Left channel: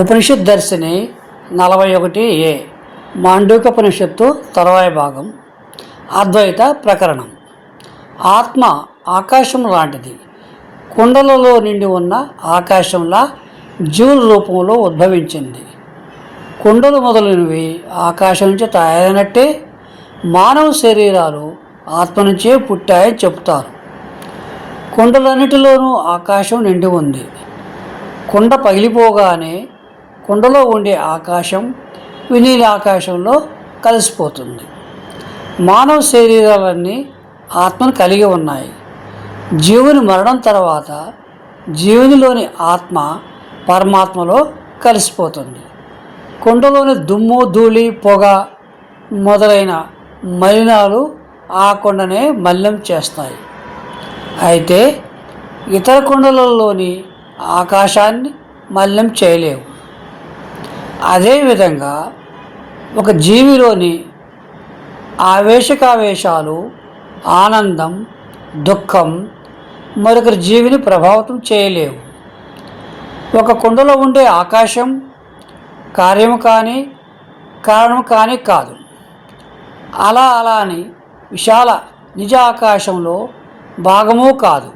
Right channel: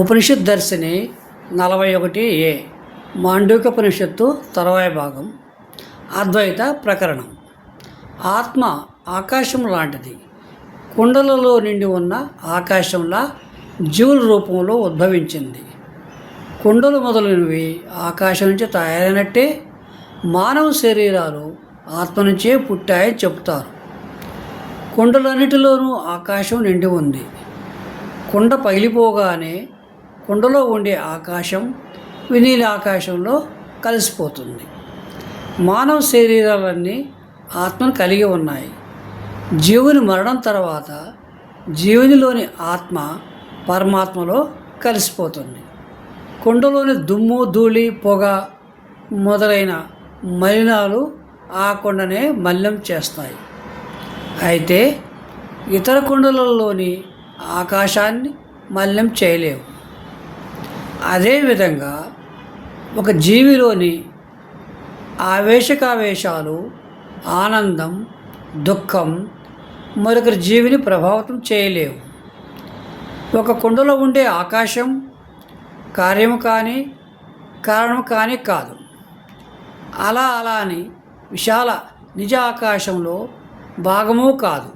ఉపనిషత్ దర్శిని నలభై ఒకటి ఏ మాండూకపనిషత్తు తర్వాయి భాగం అద్వైత ప్రకరణం. ఆత్మ ఆకాశం లాంటిది. కుండలలో నిండి ఉన్న ఆకాశంలా జీవుల రూపంలో ఉద్భవించింది. కుండలు మొదలైనవి ఆకాశం నుంచి తయారైనట్టే మానవ శరీరాలు ఆత్మ నుంచే పుట్టాయని చెబుతారు. కుండలన్నిటిలోనూ ఆకాశం నిండి ఉంది. కుండ పగిలిపోగానే కుండలో ఉండే ఆకాశం వినీల ఆకాశంలో కలిసిపోతుంది. మానవ శరీరాలన్నీ ఆత్మను కలిగి ఉన్నాయి. జీవుని మరణం తర్వాత జీవునిలోని ఆత్మ పరమాత్మలో కలిసిపోతుంది. కుండలోని దుమ్ము ధూళి పొగ మొదలైన మలినాలు ఆ కొండనే మలినం చేస్తాయి. అయితే ఇతర కుండలలోని ఆకాశాన్ని మలినం చేయలేవు. అదేవిధంగా ఒక జీవిలోని ఆవేశకావేశాలు ఆనందం దుఃఖం మరొకరి జీవిని ప్రభావితం చేయలేవు. ఒక కుండలో ఉండే ఆకాశం కార్యము కానీ కారణం కానీ కాదు. అలా అలా అని విశాల నిజ ఆకాశంలో భాగము కాదు.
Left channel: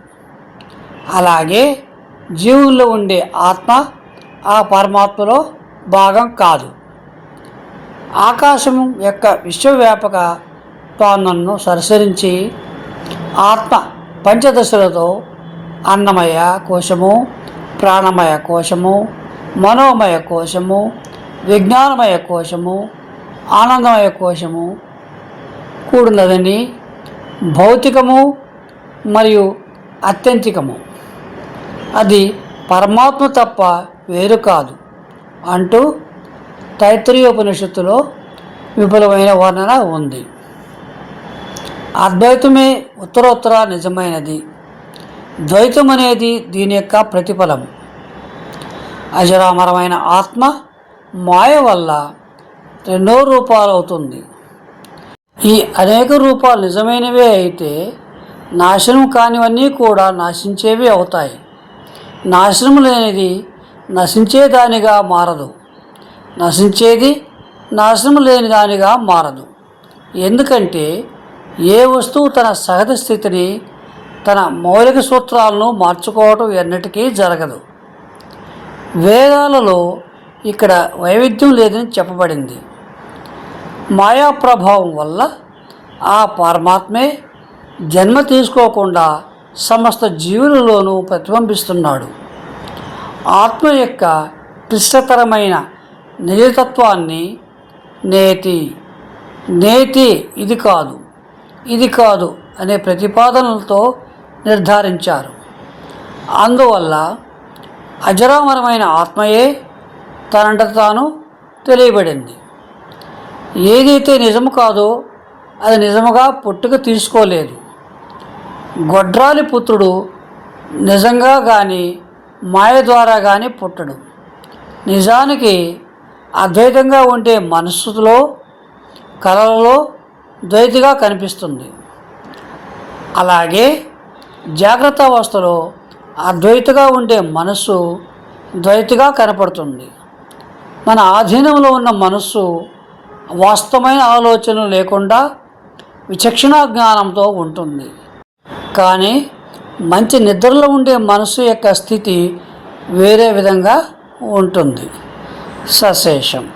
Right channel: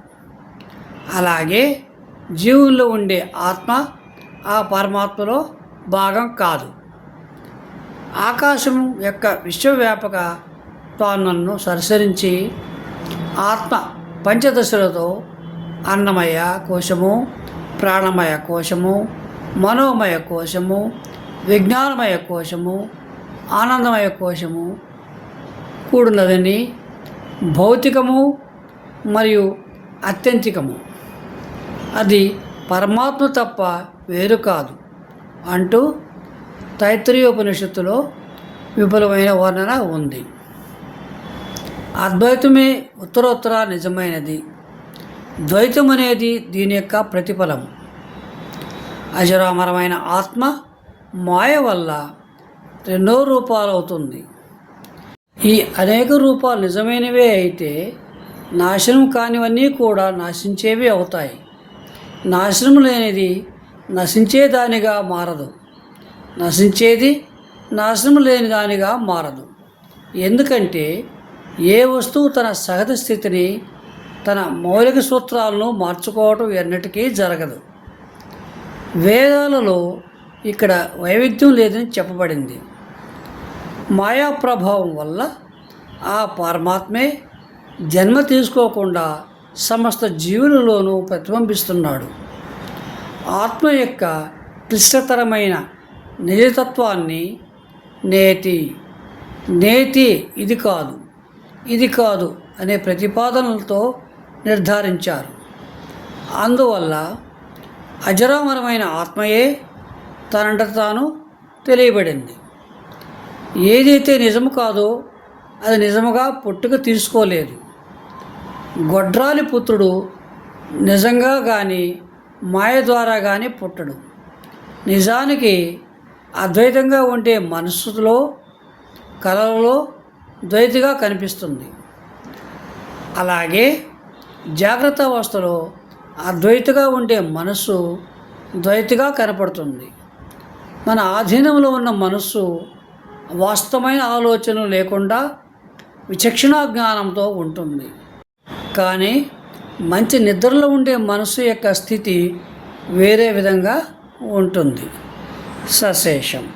అలాగే జీవుల్లో ఉండే ఆత్మ ఆ పరమాత్మలో భాగం కాదు. ఆకాశం యొక్క విశ్వవ్యాపక పాలనను సరసరించి ఆత్మ పంచదశలతో అన్నమయ కోశము ప్రాణమయ కోశము మనోమయ కోశము విజ్ఞానమయ కోశము ఆనందమయ కోశము కూడినదని భౌతికము మరియు అత్యంతికము. అది పరమాత్మ తప్ప వేరు కాదు. అంటూ తైత్రీయోపనిషత్తులో విపులమైన వర్ణన ఉంది. అద్వైతమే ఉత్తరోత్తర నిజమైనది. ద్వైతం అనేది దీని యొక్క ప్రతిఫలం. అజరామరమైన ఆత్మ మాయ వల్ల రెండో రూపాలు అవుతుంది. ఈ అనేక రూపాలు నిజమైనవే అయితే నాశనం కానివన్నీ కూడా నాశించేవి అవుతాయి. నాశనం లేనిది నశించేదానిగా మారదు. నశించేది నాశనం లేని దానిగా మారదు. ఎందుకంటే ఏ వస్తువు తన సహజ స్థితిని తన మౌలిక సూత్రాలను మార్చుకోవటం ఎన్నటికీ జరగదు. వేదాలలో ఇక్కడ వైవిధ్యం లేదని చెప్పబడింది. మాయా ప్రభావం వల్ల ఆ పరమాత్మే జన్మ తీసుకోకుండా సమస్త జీవులలోనూ ప్రతిబింబిస్తున్నాడు. ఆత్మ యొక్క క్లిష్టతరమైన నిజతత్వాన్ని నేతి నేతి ఇది కాదు ఇది కాదు అనే ప్రతిపాదనలతో నిర్ధారించారు. అందువల్ల అజరామరమైన ఆత్మయే తనంట తాను తెలియబడింది. ఏదైతే నిజము కాదో అది నిజముగా పుట్టుక తీసుకోలేదు. గొడ్రాలి పుత్రుడు నిజంగా కానీ మాయ ద్వారా కానీ పుట్టడు. నిజానికి అద్వైతంగా ఉండే మనస్సులో కళలలో ద్వైతిగా కనిపిస్తుంది. అలాగే జాగ్రత్త అవస్థలో అద్వైతగా ఉండే మనస్సు ద్వైతిగా కనపడుతుంది. మన ఆధీనంలో ఉన్న మనస్సు వాస్తవమైన ఆలోచనలు లేకుండా విచక్షణా జ్ఞానంతో ఉంటుంది. కానీ మంచి నిద్రలో ఉండే మనసు యొక్క స్థితి వేరే విధంగా ఉంటుంది. సశేషం.